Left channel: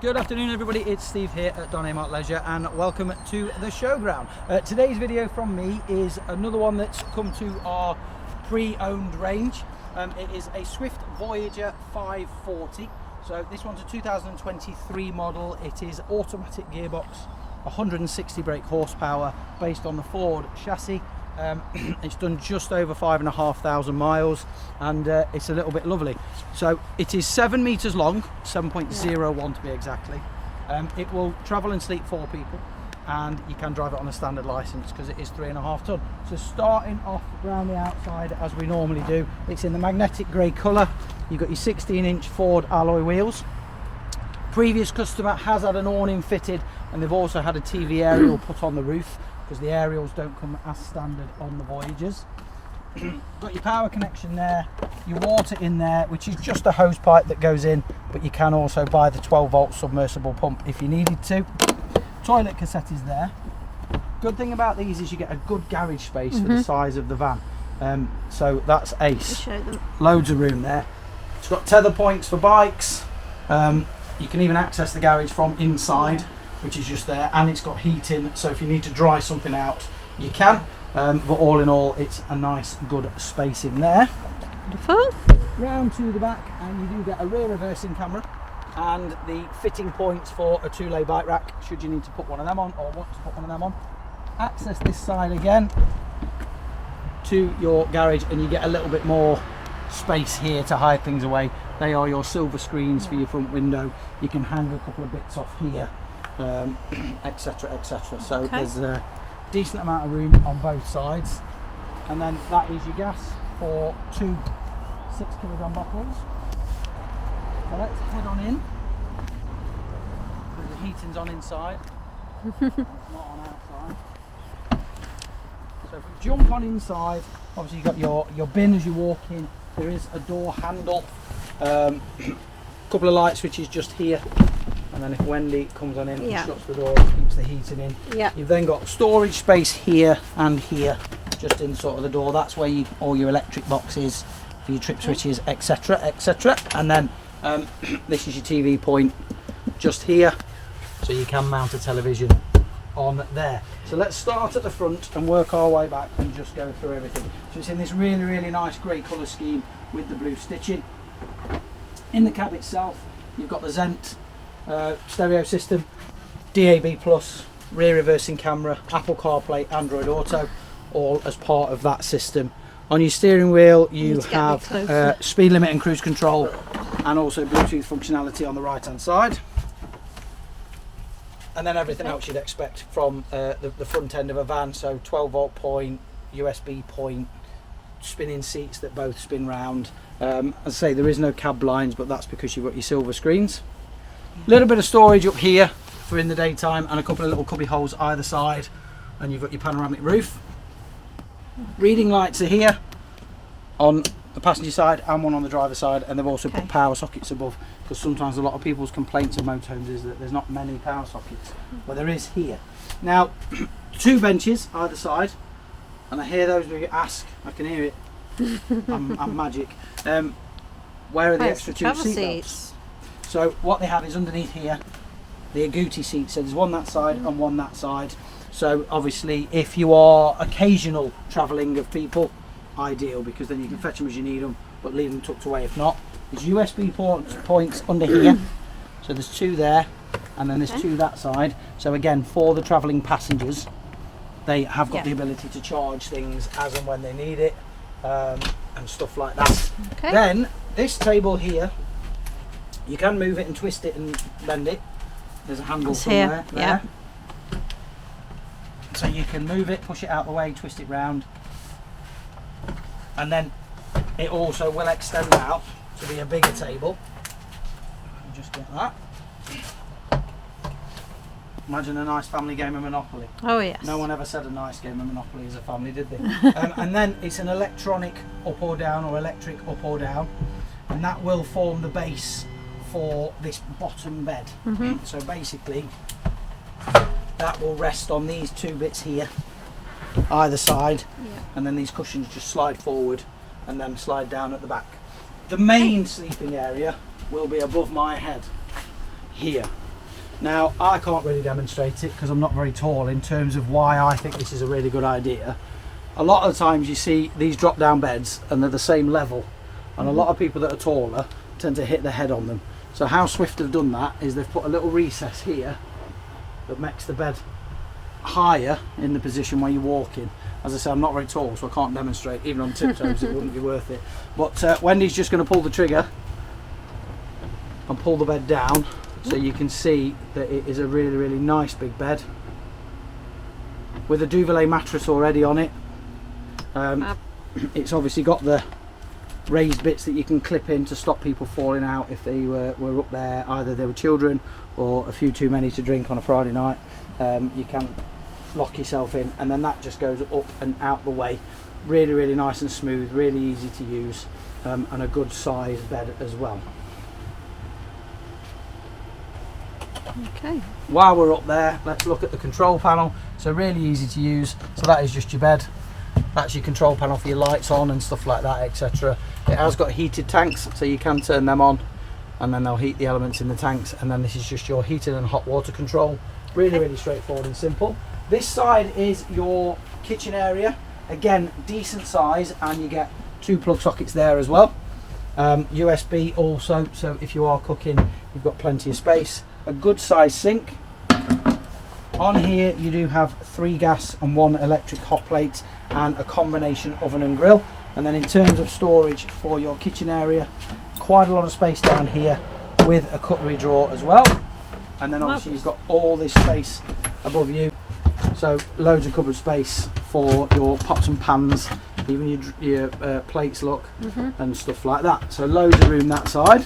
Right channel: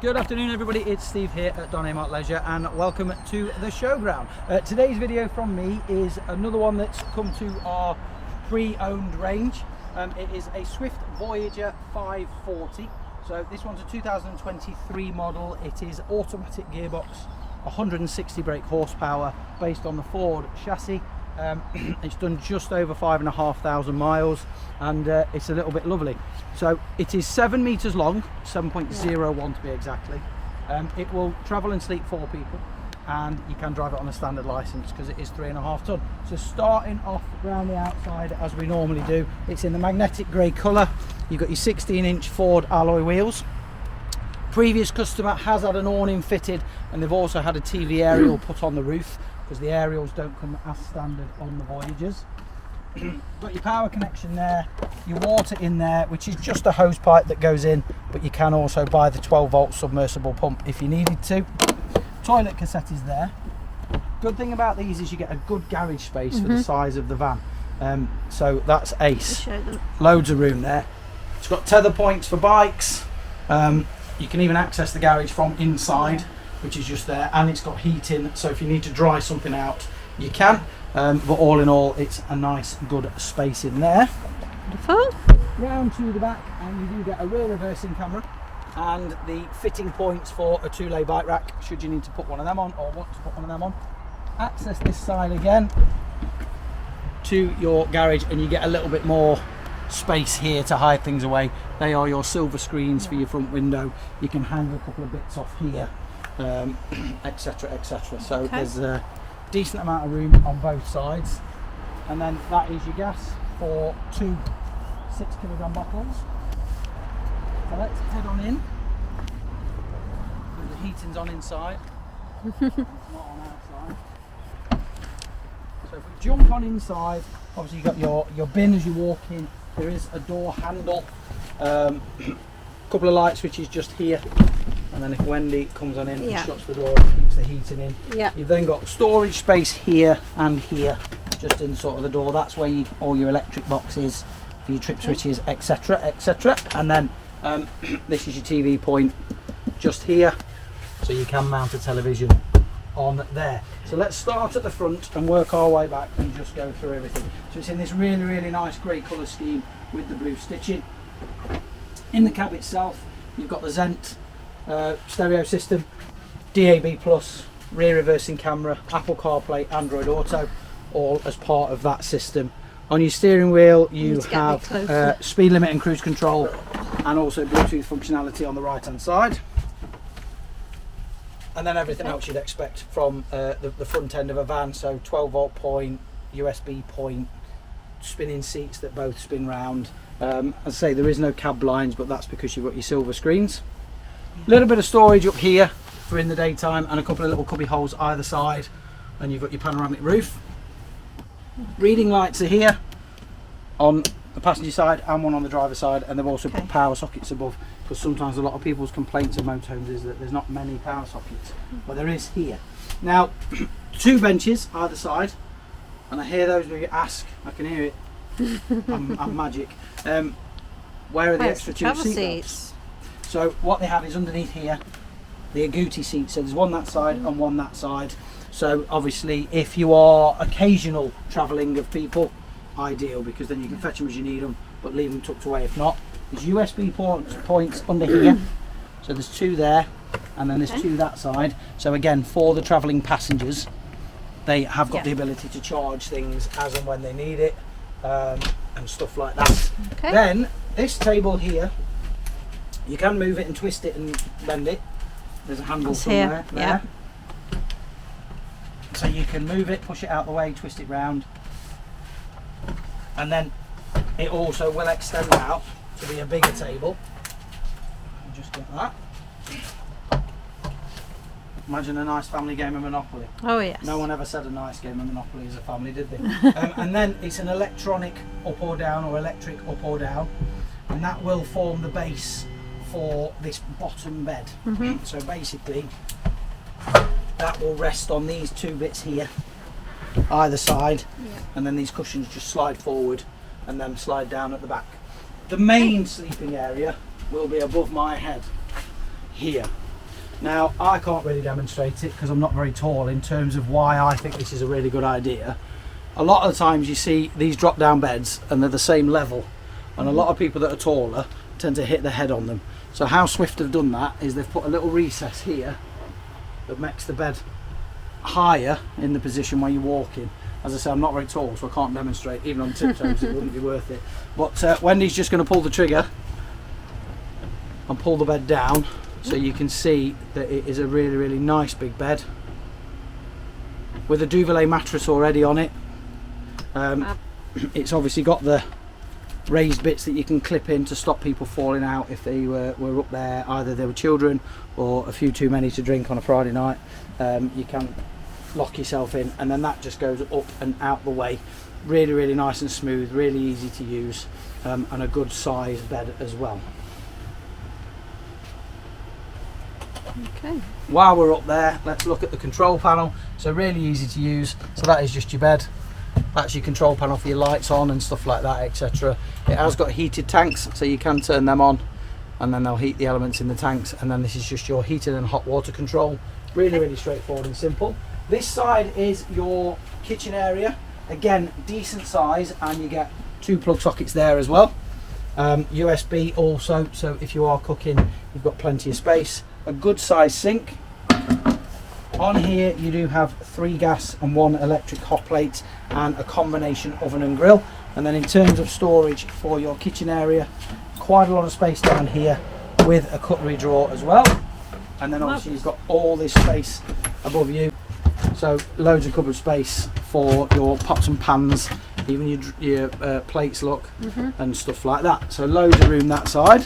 Good afternoon everybody, it's Steve here at Dometic Leisure and welcome to the showground. Today's video from me is another one that's come to our pre-owned range. It is a Swift Voyager 540. So this one's a 2023 model. It is automatic gearbox, 160 brake horsepower based on the Ford chassis. It's done just over 5,500 miles and it's a little bit lovely. So it is 7 meters long, 7.01 to be exactly. It will travel and sleep 4 people and you can drive it on a standard license because it is 3.5 ton. So starting off around the outside as we normally do, it's in the magnetic grey colour. You've got your 16-inch Ford alloy wheels. Previous customer has had an awning fitted and they've also had a TV aerial put on the roof because the aerials don't come as standard on the Voyagers. Got your power connection there, your water in there, which is just a hose pipe that goes in, but you can also buy the 12-volt submersible pump if you needed to. Toilet cassette is there. Good thing about these is you get a good garage space for the size of the van. So that's ace. Show them. Loads of room there. It's got tether points for bikes. You can even access the garage from inside, which is just there, and it's got heating, so if you need to dry something out you can, but all in all it's a nice good space in there. Wonderful. Round to the back and you do get a rear reversing camera and the fitting points for a 2-lay bike rack should you need to put one of them on or want to put one of them on. Access this side again to your garage and you get a little bit more space here to hide things away. They are your silver screens for your front window. You can hang a couple of bits off here, etc, etc. So there's a decent amount of room on both sides, and then that is your gas for 2 6kg bottles. So let's head on in because the heating's on inside and it's not on outside. So if we jump on inside, obviously you've got your bin as you walk in. There is a door handle, couple of light switches just here, and then if Wendy comes on in and shuts the door, it keeps the heating in. You've then got storage space here and here, just in sort of the door. That's where all your electric boxes, for your trip switches, etc, etc. And then this is your TV point just here, so you can mount a television on there. So let's start at the front and work our way back and just go through everything. So it's in this really, really nice grey colour scheme with the blue stitching. In the cab itself, you've got the Xzent stereo system, DAB+, rear reversing camera, Apple CarPlay, Android Auto, all as part of that system. On your steering wheel you have speed limit and cruise control and also Bluetooth functionality on the right hand side. And then everything else you'd expect from the front end of a van, so 12-volt point, USB point, spinning seats that both spin round. As I say, there is no cab blinds, but that's because you've got your silver screens. A little bit of storage up here for in the daytime and a couple of little cubby holes either side, and you've got your panoramic roof. Reading lights are here on the passenger side and one on the driver's side, and they've also put power sockets above, because sometimes a lot of people's complaints of motorhomes is that there's not many power sockets, but there is here. Now 2 benches either side, and I hear those of you ask, I can hear it, I'm magic, where are the extra 2 seats? So what they have is underneath here the agouti seats, so there's one that side and one that side. So obviously if you are occasional travelling of people, ideal, because then you can fetch them as you need them but leave them tucked away if not. There's USB points under here, so there's 2 there and then there's 2 that side. So again, for the travelling passengers, they have got the ability to charge things as and when they need it, and stuff like that. Then this table here, you can move it and twist it and bend it. There's a handle somewhere there. So you can move it, push it out the way, twist it round, and then it also will extend out to be a bigger table. Just get that. Imagine a nice family game of Monopoly. Oh yes. No one ever said a nice game of Monopoly as a family, did they? And then it's an electronic up or down, or electric up or down, and that will form the base for this bottom bed. So basically that will rest on these 2 bits here either side, and then these cushions just slide forward and then slide down at the back. The main sleeping area will be above my head here. Now, I can't really demonstrate it because I'm not very tall in terms of why I think this is a really good idea. A lot of the times you see these drop down beds and they're the same level, and a lot of people that are taller tend to hit their head on them. So how Swift have done that is they've put a little recess here that makes the bed higher in the position where you're walking. As I say, I'm not very tall, so I can't demonstrate. Even on tiptoes it wouldn't be worth it. But Wendy's just going to pull the trigger and pull the bed down, so you can see that it is a really, really nice big bed with a duvet mattress already on it. It's obviously got the raised bits that you can clip in to stop people falling out if they were up there, either they were children or a few too many to drink on a Friday night. You can lock yourself in, and then that just goes up and out the way. Really, really nice and smooth, really easy to use, and a good size bed as well. Okay. While we're up there, let's look at the control panel. So really easy to use. So that is just your bed. That's your control panel for your lights on and stuff like that, etc. It has got heated tanks, so you can turn them on and then they'll heat the elements in the tanks, and then this is just your heated and hot water control. Really, really straightforward and simple. This side is your kitchen area. Again, decent size, and you get 2 plug sockets there as well. USB also, so if you are cooking, you've got plenty of space. A good size sink. On here you do have 3 gas and 1 electric hot plate and a combination oven and grill. And then in terms of storage for your kitchen area, quite a lot of space down here with a cutlery drawer as well. And then obviously you've got all this space above you, so loads of cupboard space for your pots and pans, even your plates, look, and stuff like that. So loads of room that side.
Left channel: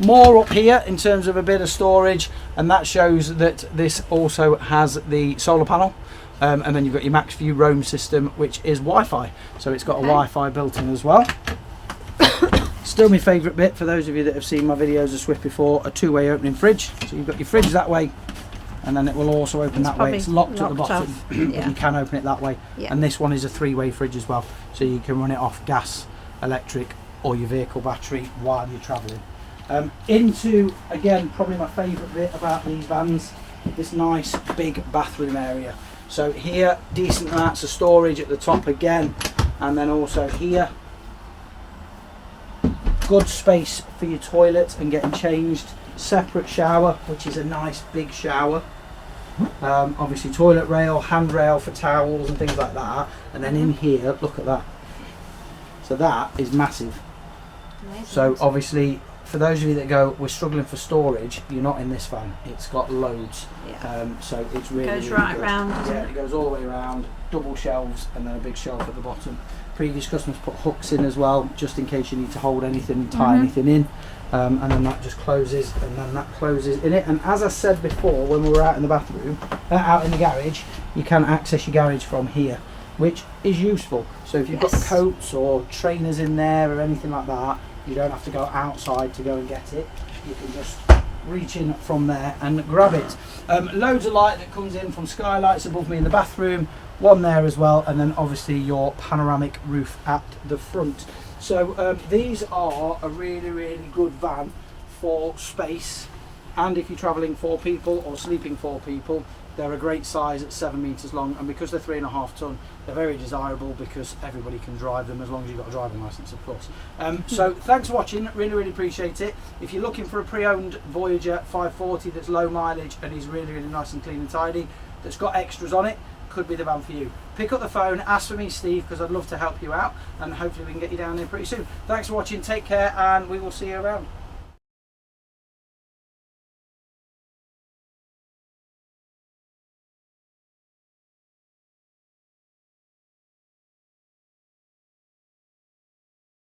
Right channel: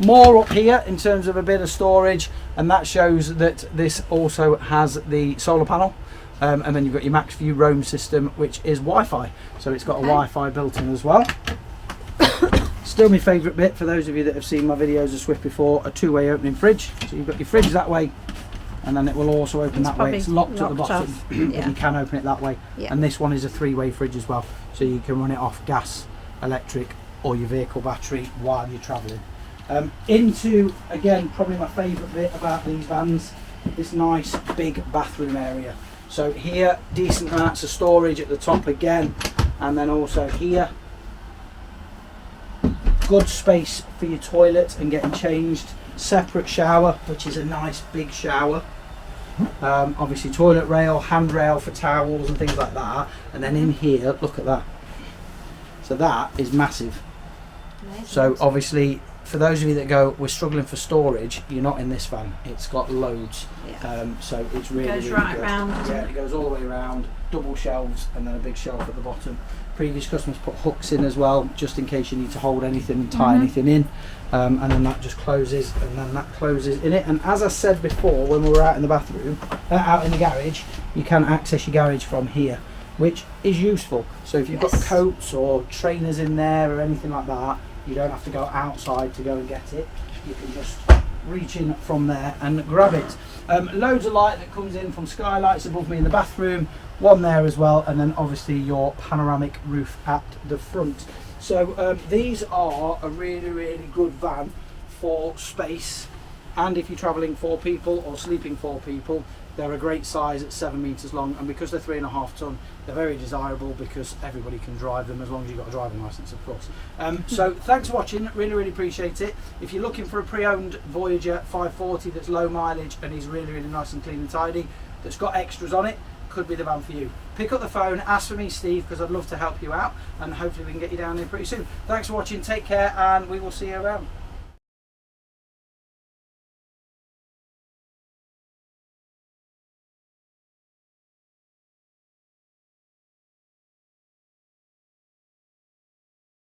More up here in terms of a bit of storage, and that shows that this also has the solar panel, and then you've got your max view roam system, which is Wi-Fi, so it's got a Wi-Fi built in as well. Still my favourite bit, for those of you that have seen my videos of Swift before, a 2-way opening fridge. So you've got your fridge that way, and then it will also open that way. It's locked at the bottom, but you can open it that way. And this one is a 3-way fridge as well, so you can run it off gas, electric, or your vehicle battery while you're travelling. Into, again, probably my favourite bit about these vans, this nice big bathroom area. So here, decent amounts of storage at the top again, and then also here, good space for your toilet and getting changed. Separate shower, which is a nice big shower. Obviously toilet rail, handrail for towels and things like that. And then in here, look at that. So that is massive. Amazing. So obviously, for those of you that go, we're struggling for storage, you're not in this van. It's got loads. So it's really, goes really right good. round. Yeah, it goes all the way around. Double shelves and then a big shelf at the bottom. Previous customers put hooks in as well, just in case you need to hold anything and tie anything in. And then that just closes, and then that closes in it. And as I said before, when we were out in the bathroom, out in the garage, you can access your garage from here, which is useful. So if you've got coats or trainers in there or anything like that, you don't have to go outside to go and get it. You can just reach in from there and grab it. Loads of light that comes in from skylights above me in the bathroom, one there as well, and then obviously your panoramic roof at the front. So these are a really, really good van for space, and if you're travelling 4 people or sleeping 4 people, they're a great size at 7 metres long, and because they're 3.5 tonne, they're very desirable because everybody can drive them, as long as you've got a driving licence, of course. So thanks for watching, really, really appreciate it. If you're looking for a pre-owned Voyager 540 that's low mileage and is really, really nice and clean and tidy, that's got extras on it, could be the van for you. Pick up the phone, ask for me, Steve, because I'd love to help you out, and hopefully we can get you down there pretty soon. Thanks for watching, take care, and we will see you around.